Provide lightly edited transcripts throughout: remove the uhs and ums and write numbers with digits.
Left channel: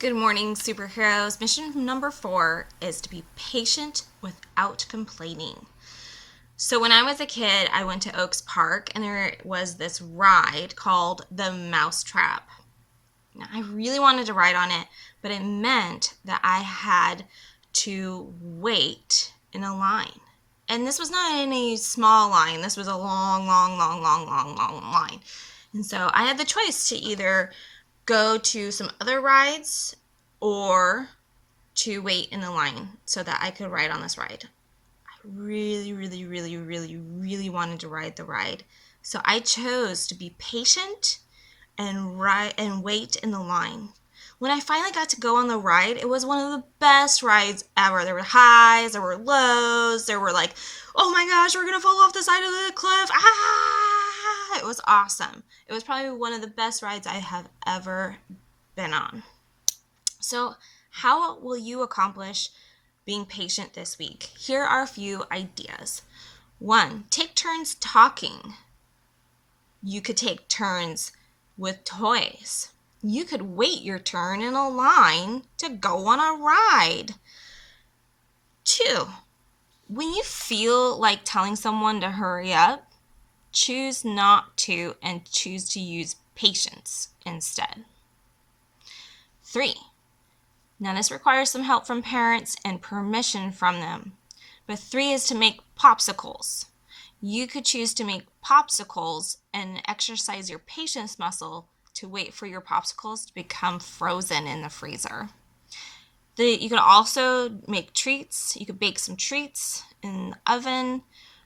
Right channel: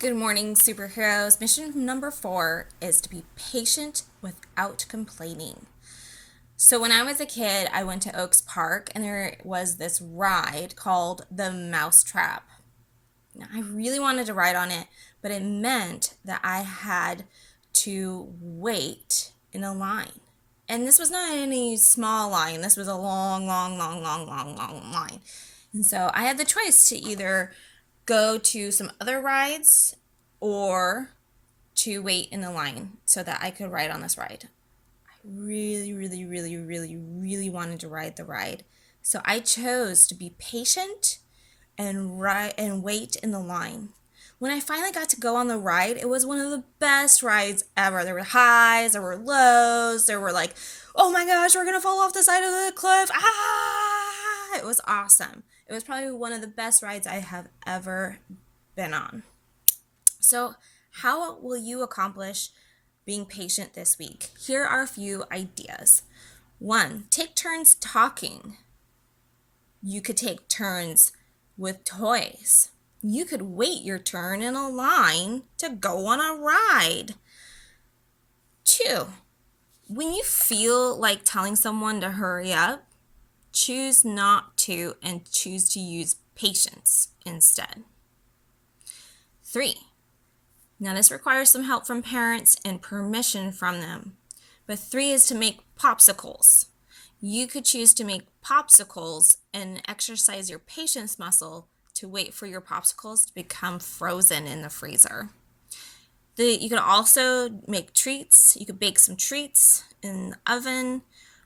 Good morning, superheroes. Mission number 4 is to be patient without complaining. So when I was a kid, I went to Oaks Park and there was this ride called the Mousetrap. Now, I really wanted to ride on it, but it meant that I had to wait in a line. And this was not any small line. This was a long line. And so I had the choice to either go to some other rides or to wait in the line so that I could ride on this ride. I really wanted to ride the ride. So I chose to be patient and wait in the line. When I finally got to go on the ride, it was one of the best rides ever. There were highs, there were lows, there were like, oh my gosh, we're gonna fall off the side of the cliff. Ah! It was awesome. It was probably one of the best rides I have ever been on. So, how will you accomplish being patient this week? Here are a few ideas. 1, take turns talking. You could take turns with toys. You could wait your turn in a line to go on a ride. 2, when you feel like telling someone to hurry up, choose not to and choose to use patience instead. 3, now this requires some help from parents and permission from them. But 3 is to make popsicles. You could choose to make popsicles and exercise your patience muscle to wait for your popsicles to become frozen in the freezer. You could also make treats. You could bake some treats in the oven,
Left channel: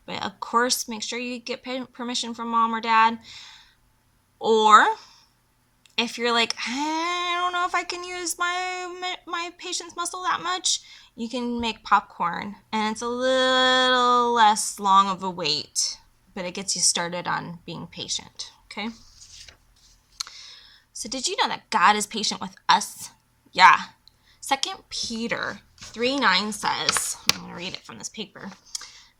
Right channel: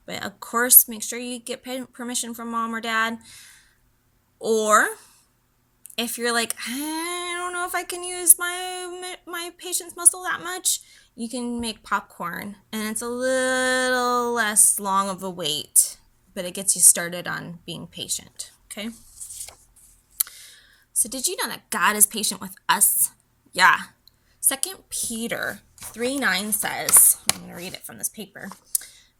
but of course, make sure you get permission from mom or dad. Or if you're like, I don't know if I can use my patience muscle that much, you can make popcorn, and it's a little less long of a wait, but it gets you started on being patient, okay? So did you know that God is patient with us? Yeah. 2 Peter 3:9 says, I'm going to read it from this paper,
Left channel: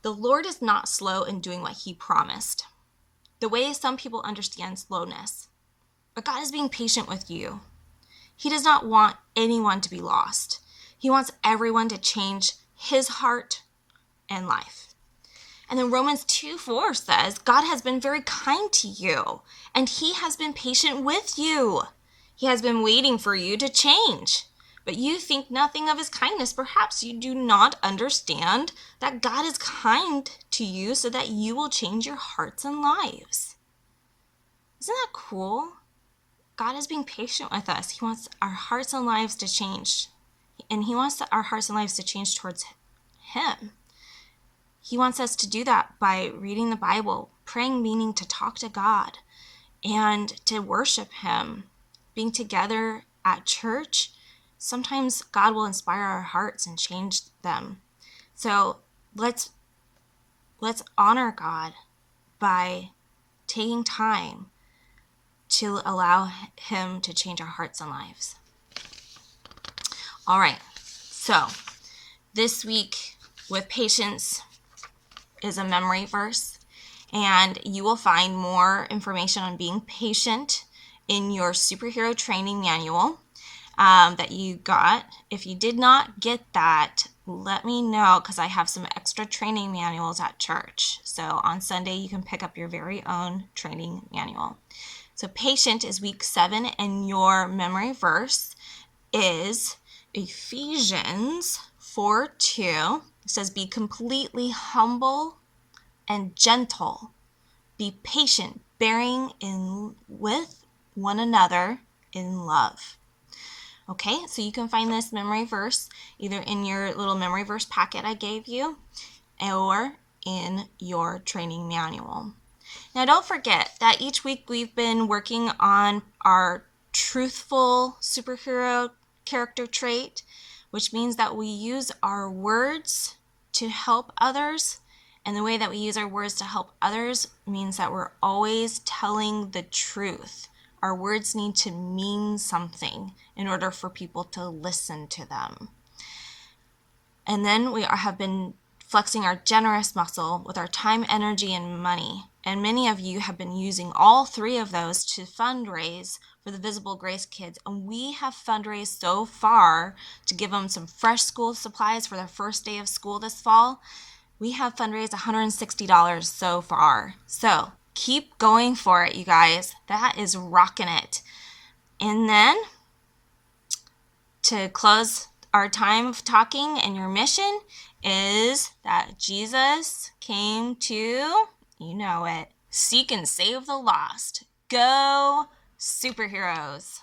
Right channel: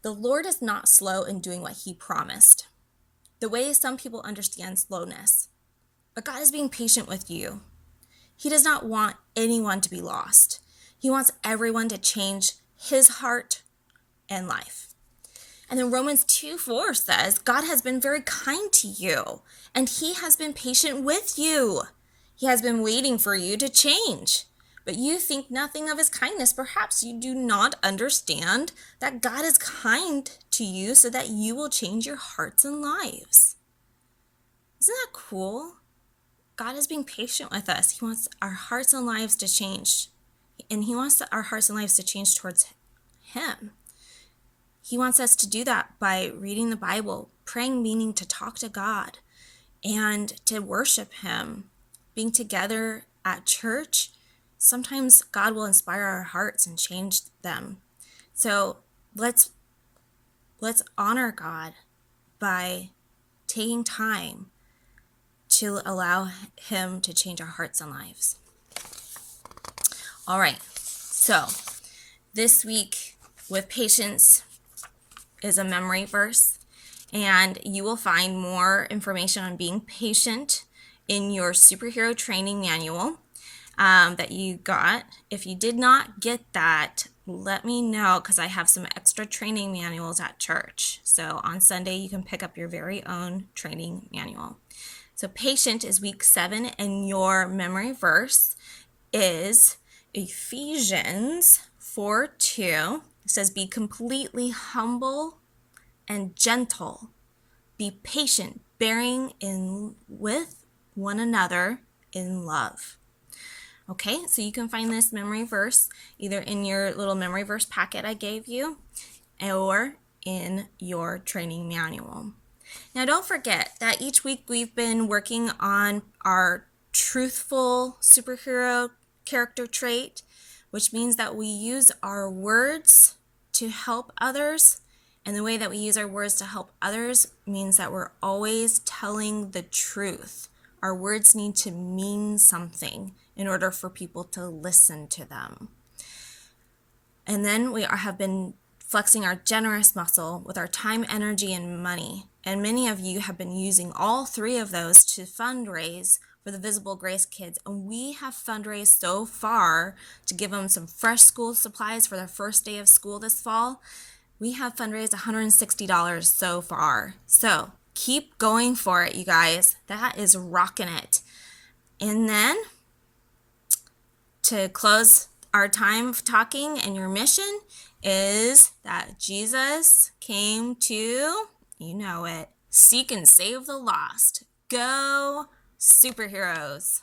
the Lord is not slow in doing what he promised, the way some people understand slowness. But God is being patient with you. He does not want anyone to be lost. He wants everyone to change his heart and life. And then Romans 2:4 says, God has been very kind to you, and he has been patient with you. He has been waiting for you to change. But you think nothing of his kindness. Perhaps you do not understand that God is kind to you so that you will change your hearts and lives. Isn't that cool? God is being patient with us. He wants our hearts and lives to change. And he wants our hearts and lives to change towards him. He wants us to do that by reading the Bible, praying, meaning to talk to God, and to worship him. Being together at church, sometimes God will inspire our hearts and change them. So let's honor God by taking time to allow him to change our hearts and lives. All right, so this week with patience is a memory verse, and you will find more information on being patient in your superhero training manual that you got. If you did not get that, let me know, because I have some extra training manuals at church. So on Sunday, you can pick up your very own training manual. So patient is week 7, and your memory verse is Ephesians 4:2. It says, be completely humble and gentle. Be patient, bearing with one another in love. Okay, so you can find this memory verse either in your little memory verse packet I gave you or in your training manual. Now, don't forget that each week we've been working on our truthful superhero character trait, which means that we use our words to help others. And the way that we use our words to help others means that we're always telling the truth. Our words need to mean something in order for people to listen to them. And then we have been flexing our generous muscle with our time, energy, and money. And many of you have been using all 3 of those to fundraise for the Visible Grace kids, and we have fundraised so far to give them some fresh school supplies for their first day of school this fall. We have fundraised $160 so far. So keep going for it, you guys. That is rocking it. And then to close our time of talking, and your mission is that Jesus came to, you know it, seek and save the lost. Go superheroes.